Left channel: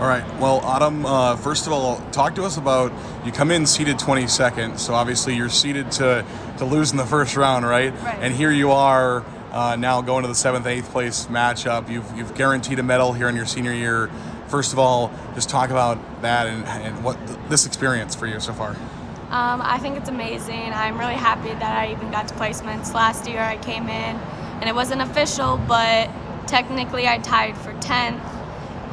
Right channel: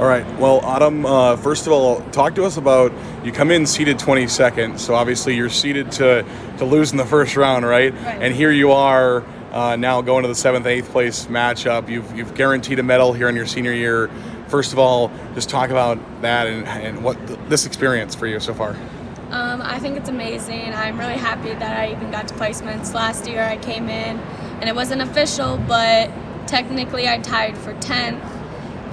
All right. Well, Autumn, first of all, talk to us about you come in seated 22nd. So obviously you're seated to lose in the first round, right? Right. And here you are now going to the 7th, 8th place matchup. You've guaranteed a medal here in your senior year. First of all, just talk about that and what this experience for you so far. I think it's amazing. I'm really happy that I even got to placements. Last year I came in and it wasn't official, but technically I tied for 10th,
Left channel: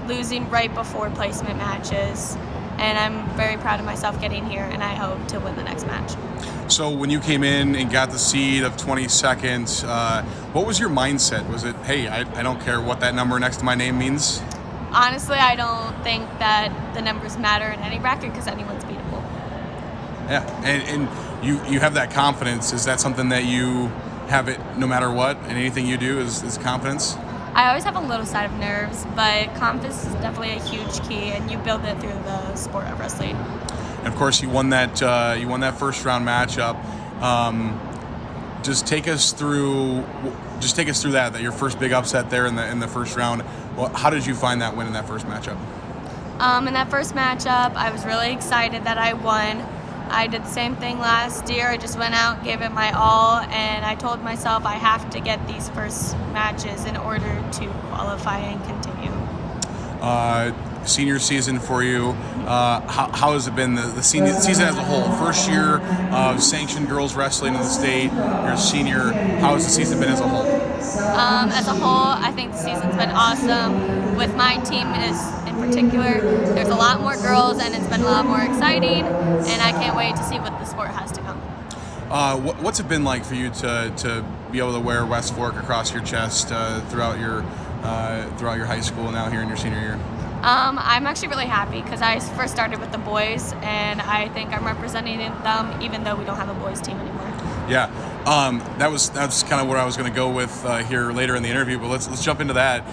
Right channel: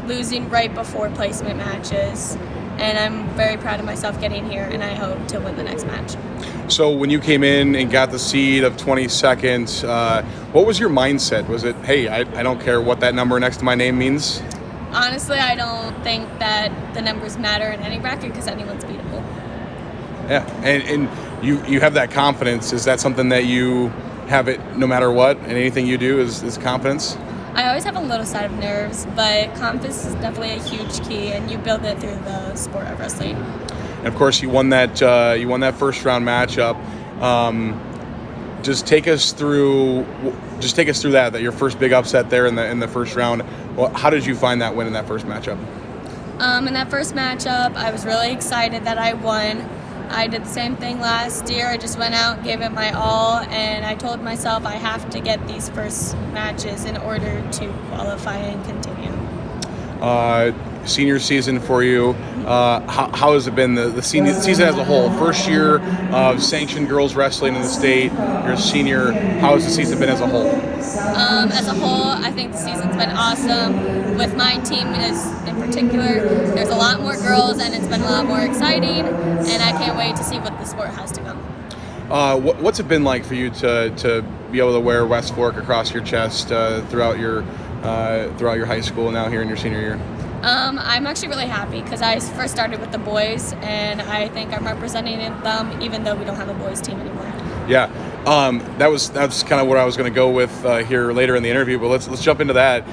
losing right before placement matches. And I'm very proud of myself getting here, and I hope to win the next match. So when you came in and got the seed of 22nd, what was your mindset? Was it, hey, I don't care what that number next to my name means? Honestly, I don't think that the numbers matter in any bracket because anyone's beatable. Yeah, and you have that confidence. Is that something that you have it no matter what, and anything you do is confidence? I always have a little side of nerves, but confidence is definitely a huge key, and you build it through the sport of wrestling. And of course, you won that first round matchup. Just take us through that your first big upset there in the first round. Well, how did you find that win in that first matchup? In that first matchup, I was really excited that I won. I did the same thing last year. I just went out, gave it my all, and I told myself I have to get these first matches in order to qualify and continue. Senior season for you. How has it been the senior season as a whole? First year of sanctioned girls wrestling in the state. You're a senior. How has the season been as a whole? As a whole, I think the season's been awesome. With my team in particular, there's a lot more girls, and it's been a lot more exciting. And I can't wait to see what the sport has to come. What's it been like for you to be able to wear West Fork across your chest throughout your high school, now here in your senior year? I'm actually really happy because I first started with the boys, and I think I'm representing them even though we don't have a boys team anymore. Yeah, that's kind of what I was going to go with here later in the interview. But let's jump into that.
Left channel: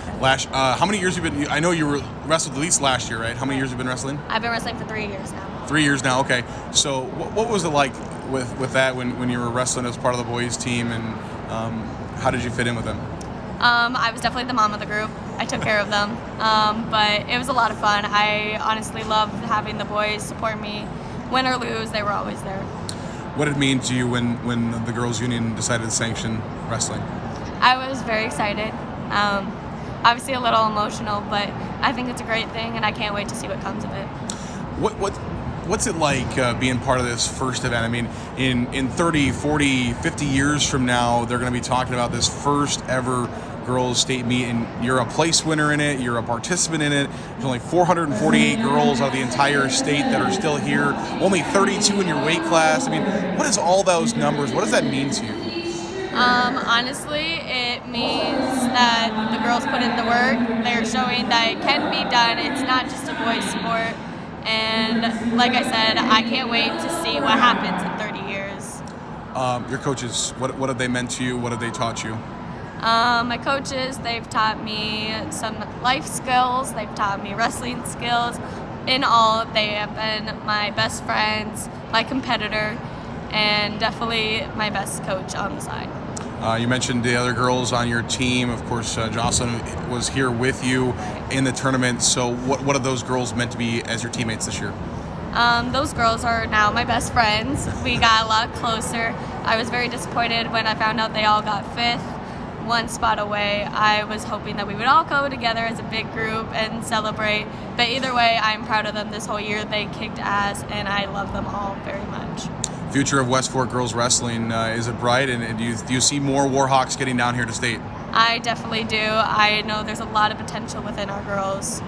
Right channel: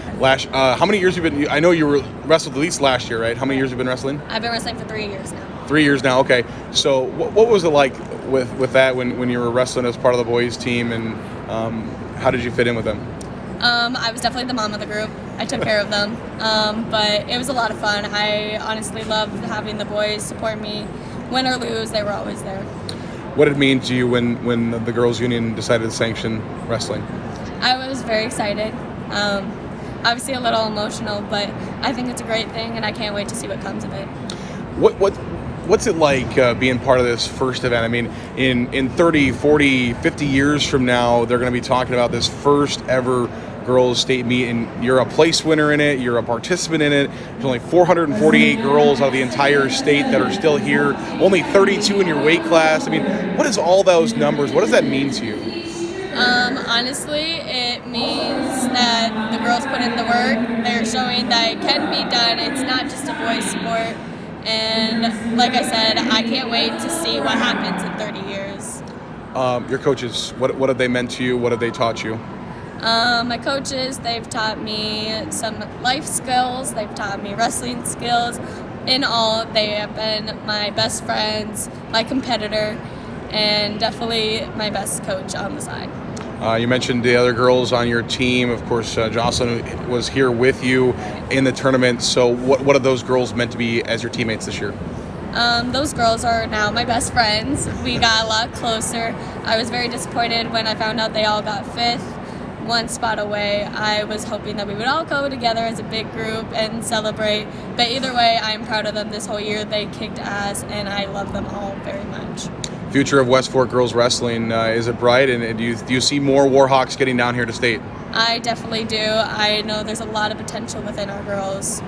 How many years have you been? I know you were wrestled at least last year, right? How many years have you been wrestling? I've been wrestling for 3 years now. 3 years now. Okay. So what was it like with that when you were wrestling as part of the boys team, and how did you fit in with them? I was definitely the mom of the group. I took care of them, but it was a lot of fun. I honestly loved having the boys support me. Win or lose, they were always there. What did it mean to you when the girls' union decided to sanction wrestling? I was very excited. Obviously a little emotional, but I think it's a great thing, and I can't wait to see what comes of it. What's it like being part of this first event? I mean, in 30, 40, 50 years from now, they're going to be talking about this first ever girls state meet, and you're a place winner in it, you're a participant in it. There's only 448 girls out of the entire state that are still here, only 32 in your weight class. I mean, what is all those numbers? What does that mean to you? Honestly, it means that the girls put in the work. They're showing that it can be done. It's not just a boys' sport. And like I said, I can't wait to see what happens in 30 years. Your coaches, what have they meant to you? What have they taught you? My coaches, they've taught me some life skills. They've taught me wrestling skills. In all, they have been my best friends, my competitor, and definitely my best coach on the side. You mentioned the other girls on your team. Of course, Jocelyn was here with you in the tournament. So what have those girls meant to be as your teammates this year? Those girls are now my best friends. We got a lot closer. I was very disappointed when I found out they all got 5th, one spot away. I was hoping that we would all go together as a big group and celebrate. But either way, I'm proud of them this whole year. They kicked ass, and I love them all very much. Future of West Fork girls wrestling, is it bright? And do you see more Warhawks getting down here to state? I definitely do. I know there's a lot of potential within our girls.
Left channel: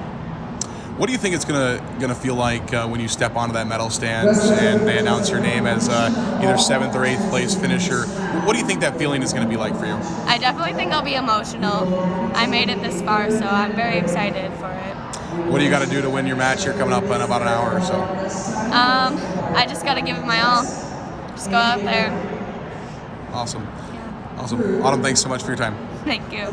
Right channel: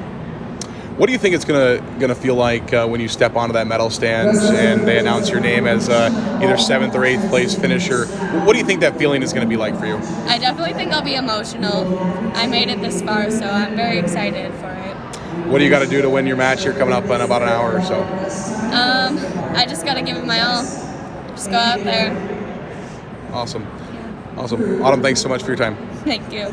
What do you think it's gonna feel like when you step onto that medal stand and they announce your name as either 7th or 8th place finisher? What do you think that feeling is going to be like for you? I definitely think I'll be emotional. I made it this far, so I'm very excited for it. What do you got to do to win your match here coming up in about an hour or so? I just got to give it my all. Just go out there. Awesome. Awesome. Autumn, thanks so much for your time. Thank you.